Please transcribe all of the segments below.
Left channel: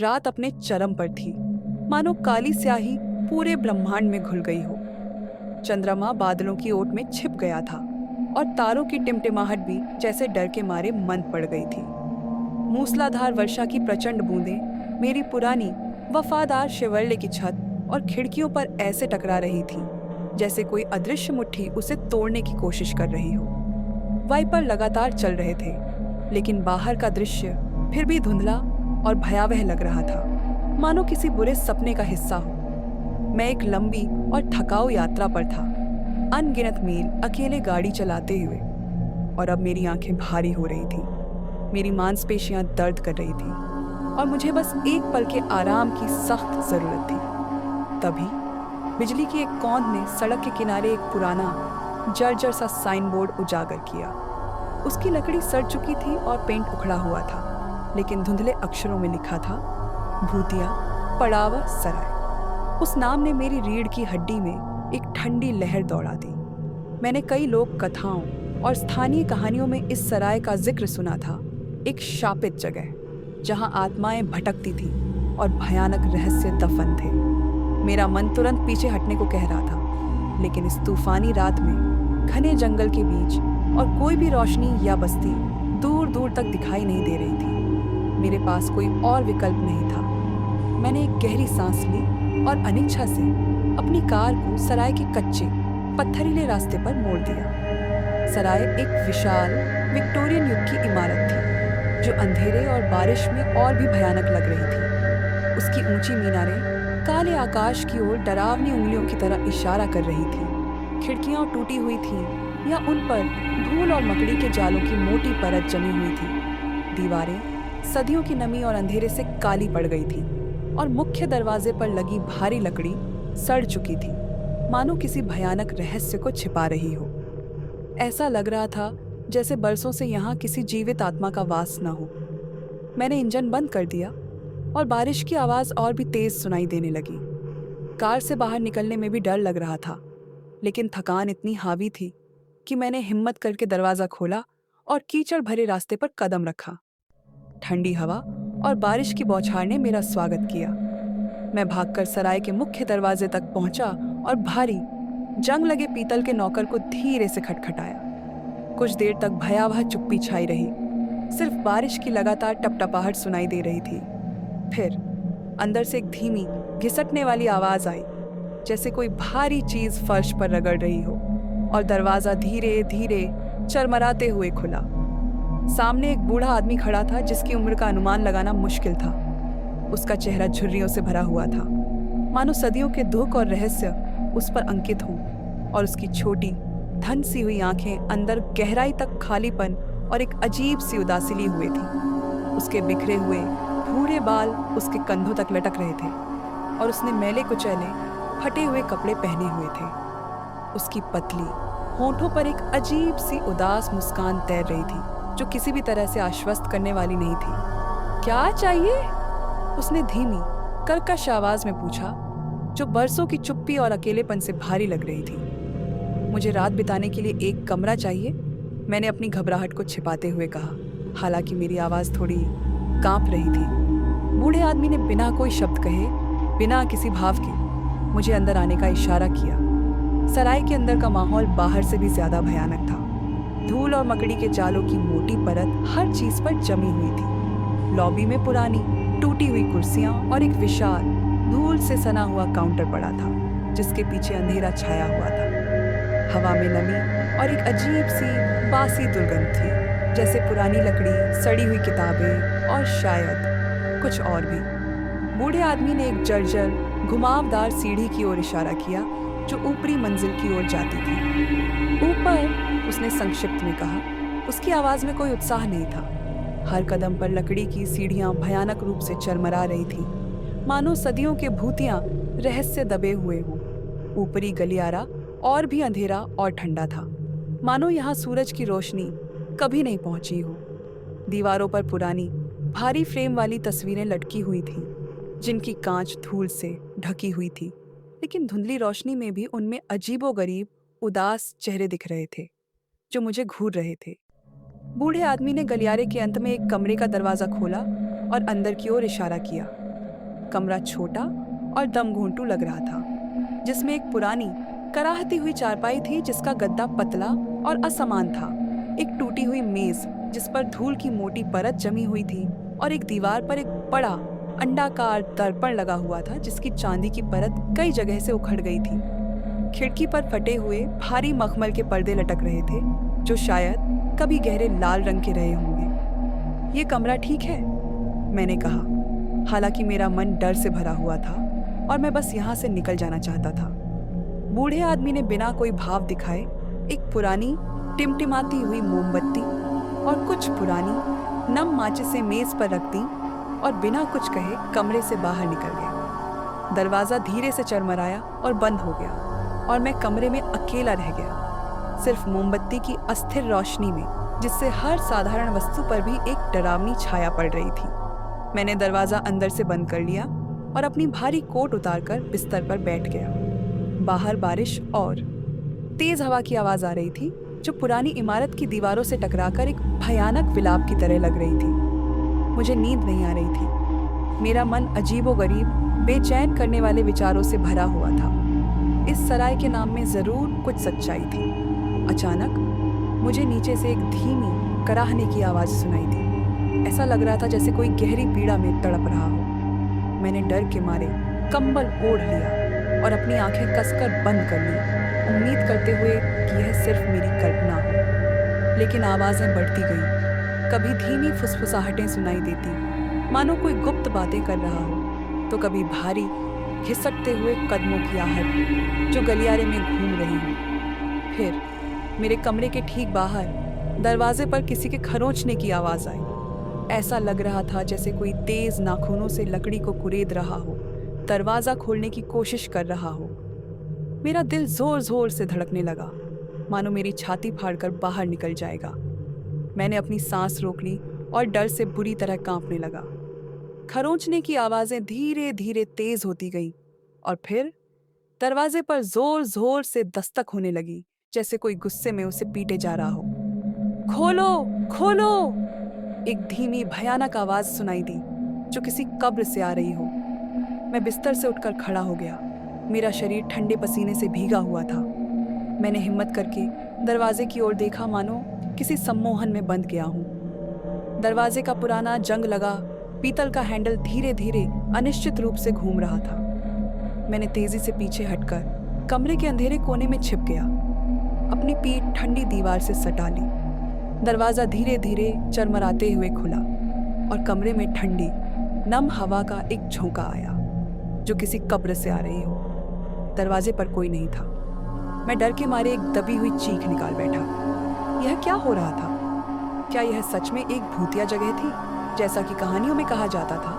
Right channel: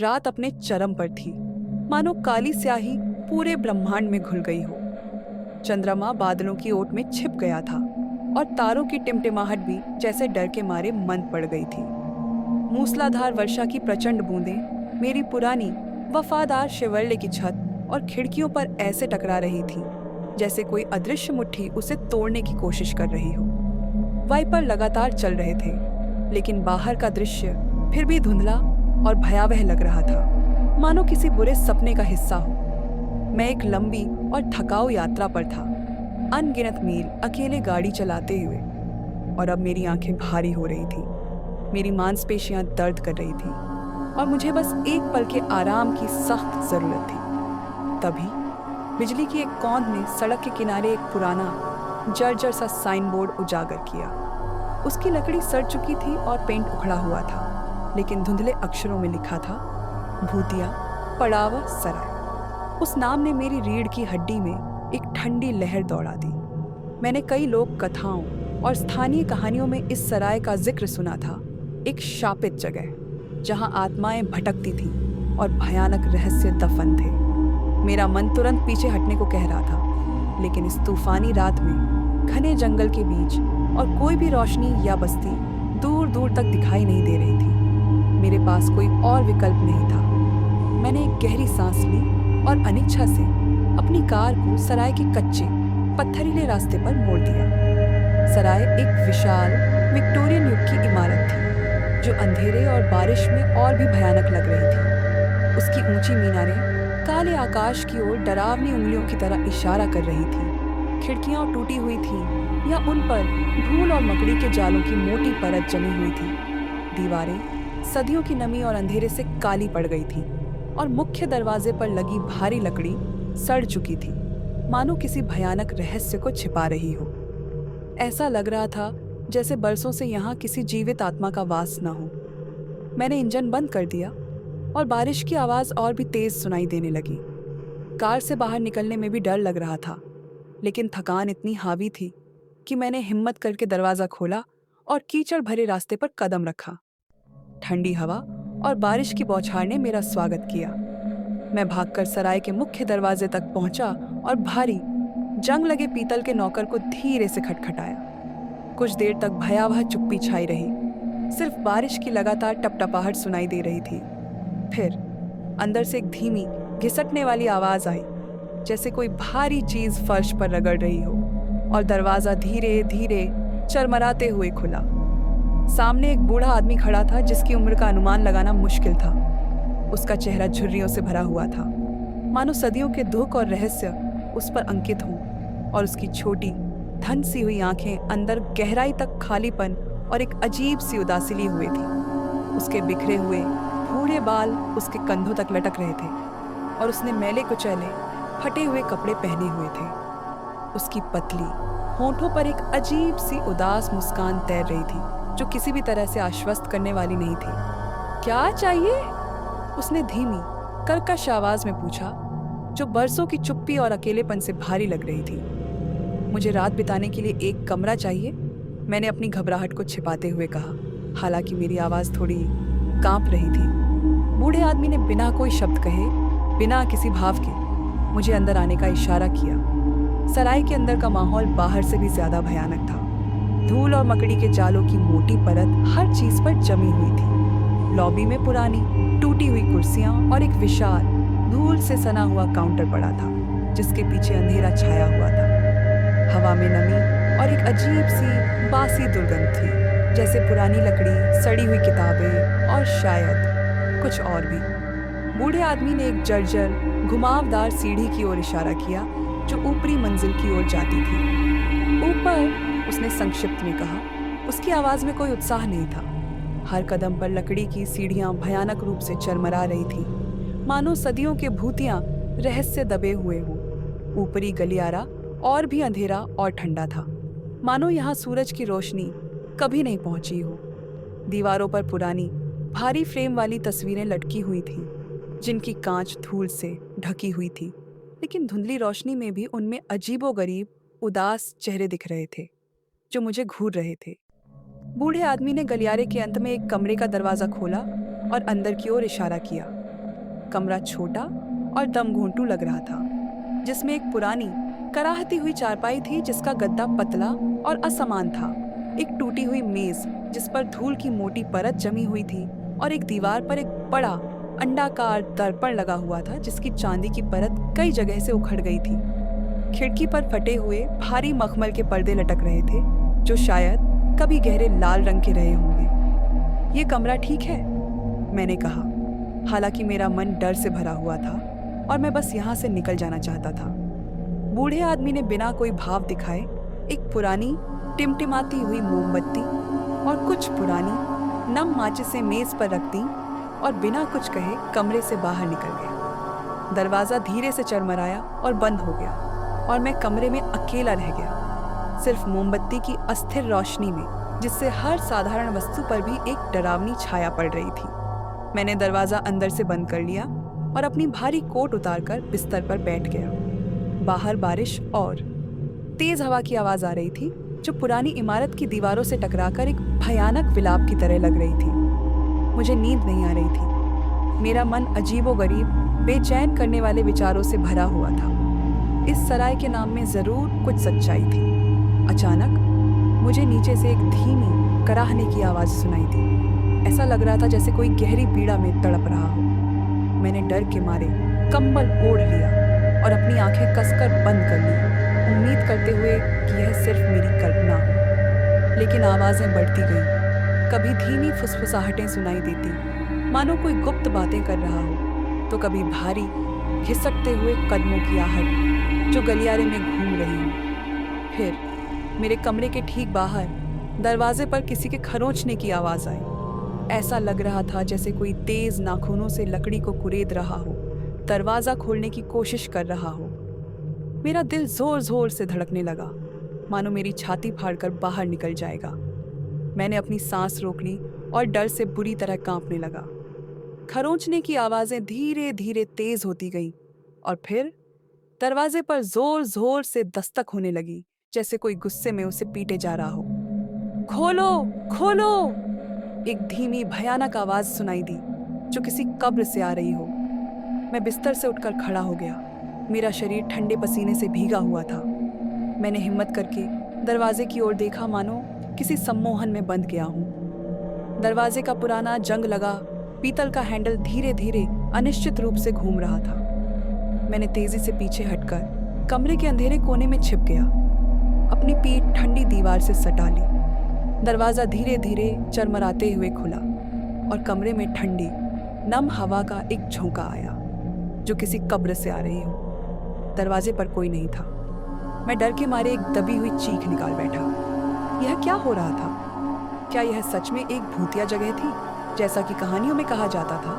रात अपने चरम पर थी, मानो काली स्याही पूरे ब्रह्मांड में घुल गई हो। चंद्रमा बादलों की ओट में छिप गया था और तारों की टिमटिमाहट भी जैसे डर के मारे मंद पड़ गई थी। मूसलाधार वर्षा की प्रचंड बूंदें मेरी पुरानी वफादार शिवरले की छत और खिड़कियों पर ऐसे टकरा रही थीं, जैसे कोई अदृश्य मुट्ठी उसे तोड़ने की कोशिश कर रही हो। वाइपर लगातार चल रहे थे, लेकिन बाहर का दृश्य फिर भी धुंधला और भयावह लग रहा था, मानो किसी बुरे सपने का हिस्सा हो। मैं एक लंबी और थकाऊ यात्रा पर था, अनगिनत मील अकेले गाड़ी चलाते हुए, और अब मेरी आंखें भारी हो रही थीं, मेरी मांसपेशियां दर्द कर रही थीं और मुझे बस एक पल के आराम की सख्त जरूरत थी। तभी बिजली की एक कौंध ने सड़क के किनारे एक पुराना जर्जर सा साइन बोर्ड उजागर किया। उसकी लकड़ी सड़ चुकी थी और पेंट उखड़ा हुआ था, लेकिन धुंधले अक्षरों में लिखा था, भूतिया पड़ाव सराय। उस नाम ने मेरी रीढ़ की हड्डी में एक ठंडी लहर दौड़ा दी। मैंने कई लोक कथाओं और स्थानीय कहानियों में इस सराय का जिक्र सुना था, एक शापित जगह जहां आत्माएं भटकती थीं और भयानक रहस्य दफन थे। मेरा मन तुरंत पीछे हटने को कह रहा था, लेकिन इस तूफानी रात में घने जंगल के बीच और कोई भी रोशनी या बस्ती दूर दूर तक दिखाई नहीं दे रही थी। मेरे पास कोई और विकल्प नहीं था। मैंने एक गहरी सांस ली और अनिच्छा से अपनी कार को सराय के कच्चे पत्थरीले रास्ते पर मोड़ दिया। सराय एक विशाल विक्टोरियन युग की इमारत थी, जो अंधेरे और बारिश में और भी भयानक लग रही थी। उसकी ऊंची मीनारें काले आकाश की ओर डरावनी उंगलियों की तरह इशारा कर रही थी। खिड़कियां टूटी हुई थीं या उन पर धूल और मकड़ी के जालों की मोटी परत जमी हुई थी। दीवारें सदियों की नमी और अंधेरे से काली पड़ गई थी और मुख्य दरवाजे पर लगी भारी लकड़ी सड़ चुकी थी, मानो किसी भयानक रहस्य को छिपा रही हो। ऐसा लग रहा था जैसे बरसों से यहाँ किसी जीवित आत्मा का वास न हो। मैंने इंजन बंद कर दिया और बारिश की आवाज़ और भी तेज सुनाई देने लगी। कार से बाहर निकलने में भी डर लग रहा था, लेकिन थकान इतनी हावी थी कि मैंने हिम्मत करके दरवाज़ा खोला और कीचड़ भरे रास्ते पर कदम रखा। ठंडी हवा और बारिश की बौछार ने मेरा स्वागत किया। मैं भागकर सराय के मुख्य दरवाजे तक पहुंचा और भारी जंग लगे पीतल के नौकर को धीरे से खटखटाया। कुछ देर तक भयावह चुप्पी छाई रही, सिर्फ बारिश की लगातार टपटपाहट सुनाई दे रही थी। फिर अंदर से एक धीमी घिसटने वाली आवाज आई, जैसे कोई भारी चीज फर्श पर रगड़ रही हो, और दरवाजा धीरे धीरे चरमराते हुए खुला। सामने एक बूढ़ा आदमी खड़ा था, जिसकी उम्र का अनुमान लगाना मुश्किल था। उसका चेहरा झुर्रियों से भरा हुआ था, मानो सदियों के दुख और रहस्य उस पर अंकित हों, और उसकी छोटी धन सी हुई आंखें अंदर गहराई तक खालीपन और एक अजीब सी उदासी लिए हुए थी। उसके बिखरे हुए भूरे बाल उसके कंधों तक लटक रहे थे और उसने मैले कुचैले फटे हुए कपड़े पहने हुए थे। उसकी पतली होंठों पर एक अजीब सी उदास मुस्कान तैर रही थी, जो किसी भी तरह से आश्वस्त करने वाली नहीं थी। क्या चाहिए? उसने धीमी कर्कश आवाज में पूछा, जो बरसों की चुप्पी और अकेलेपन से भारी लग रही थी। मुझे रात बिताने के लिए एक कमरा चाहिए, मैंने अपनी घबराहट को छिपाते हुए कहा, हालांकि मेरी आवाज थोड़ी कांप रही थी। बूढ़े आदमी ने बिना कोई शब्द कहे, बिना किसी भाव के मुझे अंदर आने का इशारा किया। सराय के अंदर का माहौल बाहर से भी ज्यादा भयानक था। धूल और मकड़ी के जालों की मोटी परत हर चीज पर जमी हुई थी। लॉबी में पुरानी टूटी हुई कुर्सियां और एक विशाल धूल से सना हुआ काउंटर पड़ा था, जिसके पीछे अंधेरा छाया हुआ था। हवा में नमी और एक अजीब सी बासी दुर्गंध थी, जैसे पुरानी लकड़ी, सड़ी हुई किताबें और शायद कुछ और भी। बूढ़े आदमी ने एक जर्जर घुमावदार सीढ़ी की ओर इशारा किया, जो ऊपरी मंजिल की ओर जाती थी। ऊपर, उसने संक्षिप्त में कहा। उसकी आवाज में कोई उत्साह नहीं था। हर कदम पर लकड़ी की सीढ़ियां भयानक रूप से चरमरा रही थी, मानो सदियों के भूतियां रहस्य दबे हुए हों। ऊपरी गलियारा और भी अंधेरा और ठंडा था, मानो यहाँ सूरज की रोशनी कभी नहीं पहुंची हो। दीवारों पर पुरानी भारी फ्रेम वाली तस्वीरें लटकी हुई थीं, जिनकी कांच धूल से ढकी हुई थी, लेकिन धुंधली रोशनी में भी उनमें अजीबोगरीब उदास चेहरे दिख रहे थे, जो मुझे घूर रहे थे। बूढ़े आदमी ने गलियारे के अंत में एक कमरे का दरवाजा खोला और अंदर की ओर इशारा किया। कमरा छोटा और दम घोंटू लग रहा था, जिसमें एक पुरानी कराहती हुई चारपाई थी जिसका गद्दा पतला और असमान था, एक टूटी हुई मेज जिस पर धूल की मोटी परत जमी हुई थी, और एक दीवार पर एक बड़ा अंडाकार दर्पण लगा हुआ था जिसकी चांदी की परत कई जगह से उखड़ गई थी। खिड़की पर फटे हुए भारी मखमल के पर्दे लटक रहे थे जो शायद कभी गहरे लाल रंग के रहे होंगे। ये कमरा ठीक है? मैंने कहा, हालांकि मेरा मन डर से भरा हुआ था और मैं बस यहाँ से निकल जाना चाहता था। बूढ़े आदमी ने बिना कोई भाव दिखाए एक पुरानी टिमटिमाती हुई मोमबत्ती और कुछ पुरानी नम माचिसें मेज पर रख दी और बिना कुछ कहे कमरे से बाहर निकल गया। दरवाज़ा धीरे से चरमराया और बंद हो गया और मैं कमरे में अकेला रह गया, सिर्फ मोमबत्ती की अस्थिर रोशनी में जिससे हर साधारण वस्तु पर भी एक डरावनी छाया पड़ रही थी। मैंने दरवाज़ा अंदर से बंद कर लिया और अपनी भारी कोट उतारकर बिस्तर पर बैठ गया। बाहर बारिश और तेज हवा की आवाज़ आ रही थी जो पुरानी इमारत की दीवारों से टकराकर एक भयानक विलाप की तरह लग रही थी। मुझे नींद नहीं आ रही थी। मेरा मन अजीबोगरीब, बेचैन करने वाले विचारों से भरा हुआ था। इस सराय के नाम में ज़रूर कुछ सच्चाई थी। अचानक मुझे नीचे से एक धीमी कराहने की आवाज़ सुनाई दी। ऐसा लग रहा था जैसे कोई गहरी पीड़ा में तड़प रहा हो। मैंने डर के मारे कंबल ओढ़ लिया और अपनी आंखें कसकर बंद कर ली, उम्मीद करते हुए कि यह सिर्फ मेरी कल्पना हो। लेकिन आवाज़ें बढ़ती गईं। कभी धीमी फुसफुसाहटें सुनाई देती, मानो कोई गुप्त बातें कर रहा हो, तो कभी भारी घिसटते हुए कदमों की आहट जो गलियारे में घूम रही हो। फिर मेरे कमरे के ठीक बाहर दरवाजे पर किसी के खरोंचने की आवाज़ आई। ऐसा लग रहा था जैसे कोई तेज नाखूनों से लकड़ी को कुरेद रहा हो, दरवाज़ा खोलने की कोशिश कर रहा हो। मेरा दिल जोर जोर से धड़कने लगा, मानो मेरी छाती फाड़कर बाहर निकल जाएगा। मैंने अपनी सांस रोक ली और डर से बुरी तरह कांपने लगा। खरोंचने की आवाज़ें धीरे धीरे तेज होती गईं और फिर दरवाजे पर जोर जोर से दस्तक होने लगी, जैसे कोई गुस्से में उसे पीटे जा रहा हो। खोलो, खोलो! एक धीमी भयानक आवाज़ सुनाई दी जो किसी कब्र से आ रही हो। मैं बिस्तर से उठकर खड़ा हो गया। मेरा शरीर ठंडे पसीने से भीगा हुआ था। मैंने हिम्मत करके दरवाजे की ओर देखा, मानो किसी सम्मोहन में बंद गया हूँ। दरवाजे का पुराना जंग लगा पीतल का हैंडल धीरे धीरे अनिश्चित रूप से घूम रहा था। मैंने तेजी से पीछे हटकर कमरे के अंधेरे कोने में छिप गया, अपनी पीठ ठंडी दीवार से सटा ली। दरवाज़ा धीरे धीरे चरमराते हुए खुला और कमरे में ठंडी नम हवा का एक झोंका आया जो किसी कब्र से आ रही हो। दरवाजे पर कोई नहीं था। मैं डर के मारे एक दबी हुई चीख निकाल बैठा। यह क्या हो रहा था? क्या यह सच में एक भूतिया जगह थी जैसा कि कहानियों में कहा जाता था?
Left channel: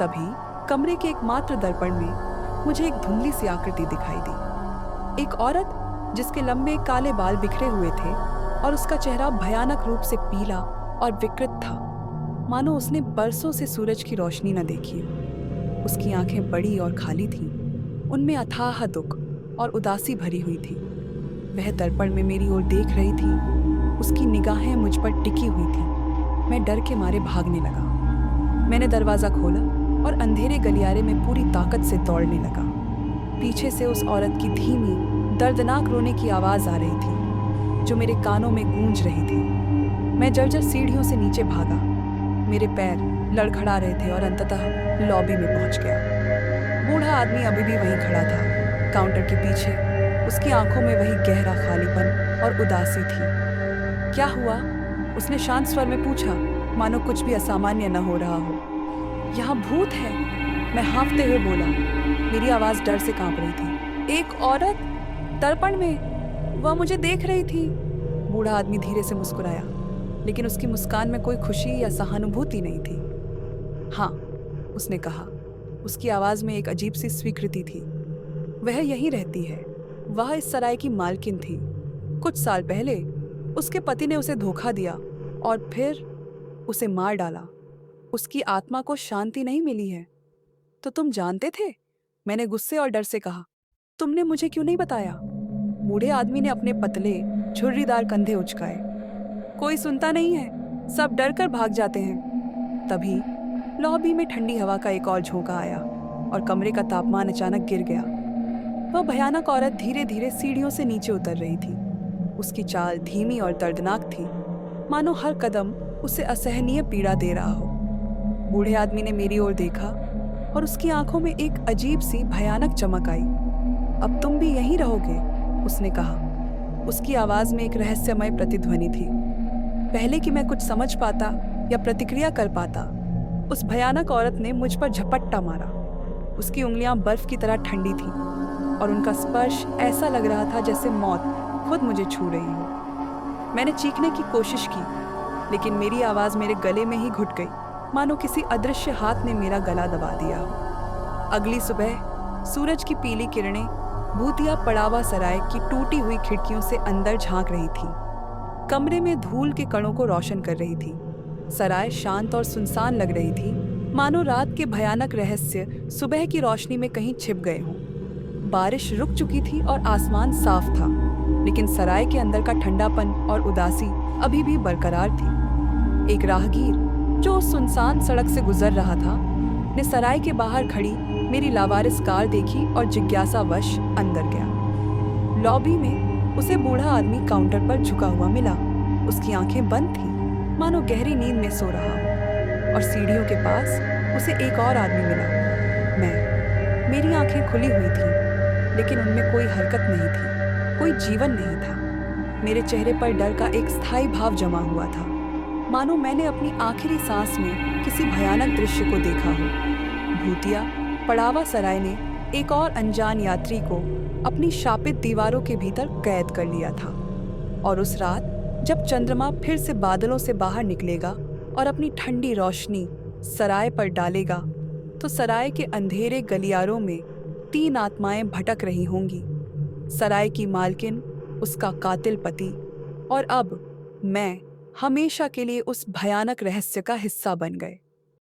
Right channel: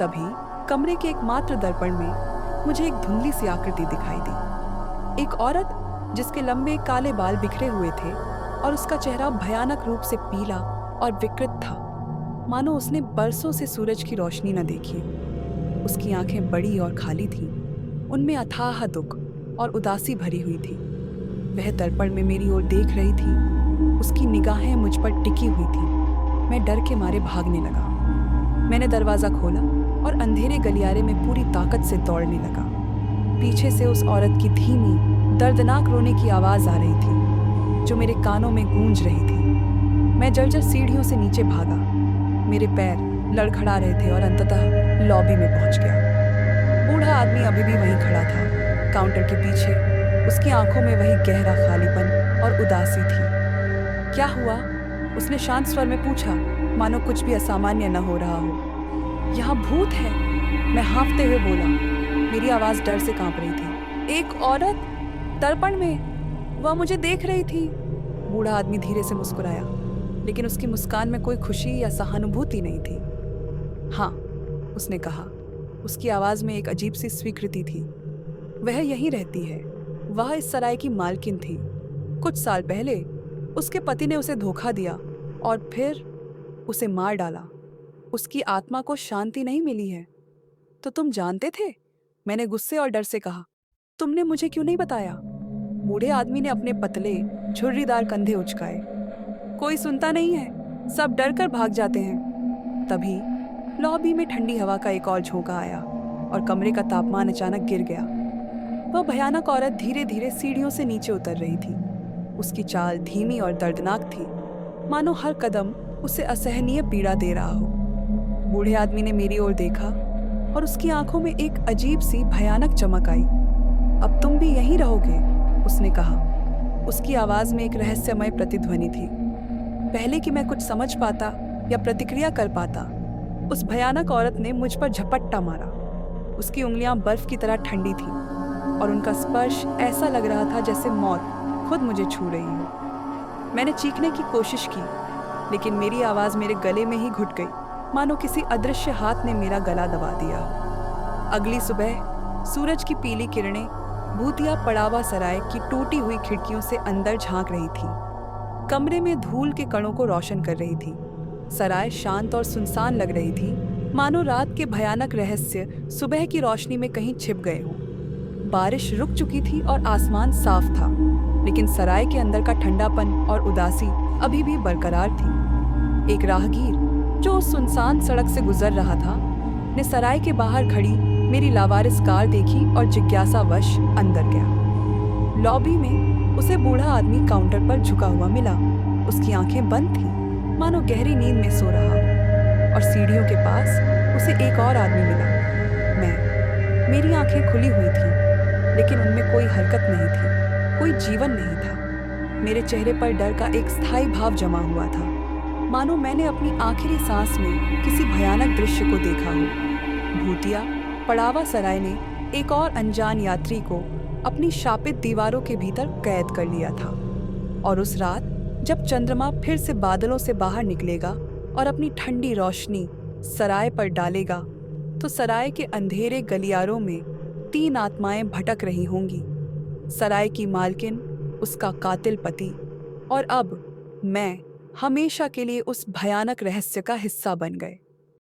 तभी कमरे के एकमात्र दर्पण में मुझे एक धुंधली सी आकृति दिखाई दी। एक औरत जिसके लंबे काले बाल बिखरे हुए थे और उसका चेहरा भयानक रूप से पीला और विकृत था, मानो उसने बरसों से सूरज की रोशनी न देखी हो। उसकी आंखें बड़ी और खाली थीं, उनमें अथाह दुख और उदासी भरी हुई थी। वह दर्पण में मेरी ओर देख रही थी, उसकी निगाहें मुझ पर टिकी हुई थी। मैं डर के मारे भागने लगा। मैंने दरवाज़ा खोला और अंधेरे गलियारे में पूरी ताकत से दौड़ने लगा। पीछे से उस औरत की धीमी दर्दनाक रोने की आवाज़ आ रही थी जो मेरे कानों में गूंज रही थी। मैं जर्जर सीढ़ियों से नीचे भागा। मेरे पैर लड़खड़ा रहे थे और अंततः लॉबी में पहुंच गया। बूढ़ा आदमी अभी भी वहीं खड़ा था, काउंटर के पीछे। उसकी आंखों में वही गहरा खालीपन और उदासी थी। क्या हुआ? उसने शांत स्वर में पूछा, मानो कुछ भी असामान्य न हो रहा हो। यहाँ भूत है, मैं हाँफते हुए बोला। मेरी आवाज़ डर से कांप रही थी। एक औरत दर्पण में, वह मुझे देख रही थी। बूढ़ा आदमी धीरे से मुस्कुराया, लेकिन उसकी मुस्कान में कोई खुशी या सहानुभूति नहीं थी। हाँ, उसने कहा। उसकी आवाज़ में एक अजीब सी स्वीकृति थी। वह यहीं रहती है। वह इस सराय की मालकिन थी। कुछ साल पहले उसके पति ने उसे धोखा दिया और फिर उसे मार डाला। उसकी आत्मा को शांति नहीं मिली है। तो तुम जानते थे? मैंने गुस्से और डर से कहा। तुमने मुझे क्यों नहीं बताया? बूढ़े आदमी ने अपने पतले झुर्रीदार कंधे उचकाए। कोई सुनता नहीं है, सब डर कर भाग जाते हैं। तभी लॉबी में ठंडी हवा का एक और झोंका आया और कमरे का तापमान अचानक गिर गया। वह भयानक औरत धीरे धीरे सीढ़ियों से नीचे उतर रही थी। उसकी चाल धीमी और दर्दनाक थी, मानो हर कदम उसे असहनीय पीड़ा दे रहा हो। बूढ़े आदमी ने मेरी ओर देखा और उसकी आंखों में एक अजीब सी भयानक चमक आई। अब तुम भी यहीं रहोगे? उसने कहा। उसकी आवाज में एक रहस्यमय प्रतिध्वनि थी। पहले कि मैं कुछ समझ पाता या प्रतिक्रिया कर पाता, उस भयानक औरत ने मुझ पर झपट्टा मारा। उसकी उंगलियां बर्फ की तरह ठंडी थीं और उनका स्पर्श ऐसा लग रहा था जैसे मौत खुद मुझे छू रही हो। मैंने चीखने की कोशिश की, लेकिन मेरी आवाज मेरे गले में ही घुट गई, मानो किसी अदृश्य हाथ ने मेरा गला दबा दिया हो। अगली सुबह सूरज की पीली किरणें भूतिया पड़ावा सराय की टूटी हुई खिड़कियों से अंदर झांक रही थी। कमरे में धूल के कणों को रोशन कर रही थी। सराय शांत और सुनसान लग रही थी, मानो रात के भयानक रहस्य सुबह की रोशनी में कहीं छिप गए हों। बारिश रुक चुकी थी और आसमान साफ था, लेकिन सराय के अंदर का ठंडापन और उदासी अभी भी बरकरार थी। एक राहगीर जो उस सुनसान सड़क से गुजर रहा था ने सराय के बाहर खड़ी मेरी लावारिस कार देखी और जिज्ञासावश अंदर गया। लॉबी में उसे बूढ़ा आदमी काउंटर पर झुका हुआ मिला। उसकी आंखें बंद थीं, मानो गहरी नींद में सो रहा हो। और सीढ़ियों के पास उसे एक और आदमी मिला, मैं। मेरी आंखें खुली हुई थीं, लेकिन उनमें कोई हरकत नहीं थी, कोई जीवन नहीं था। मेरे चेहरे पर डर का एक स्थायी भाव जमा हुआ था, मानो मैंने अपनी आखिरी सांस में किसी भयानक दृश्य को देखा हो। भूतिया पड़ावा सराय ने एक और अनजान यात्री को अपनी शापित दीवारों के भीतर कैद कर लिया था। और उस रात जब चंद्रमा फिर से बादलों से बाहर निकलेगा और अपनी ठंडी रोशनी सराय पर डालेगा, तो सराय के अंधेरे गलियारों में 3 आत्माएं भटक रही होंगी। सराय की मालकिन, उसका कातिल पति और अब मैं हमेशा के लिए उस भयानक रहस्य का हिस्सा बन गए।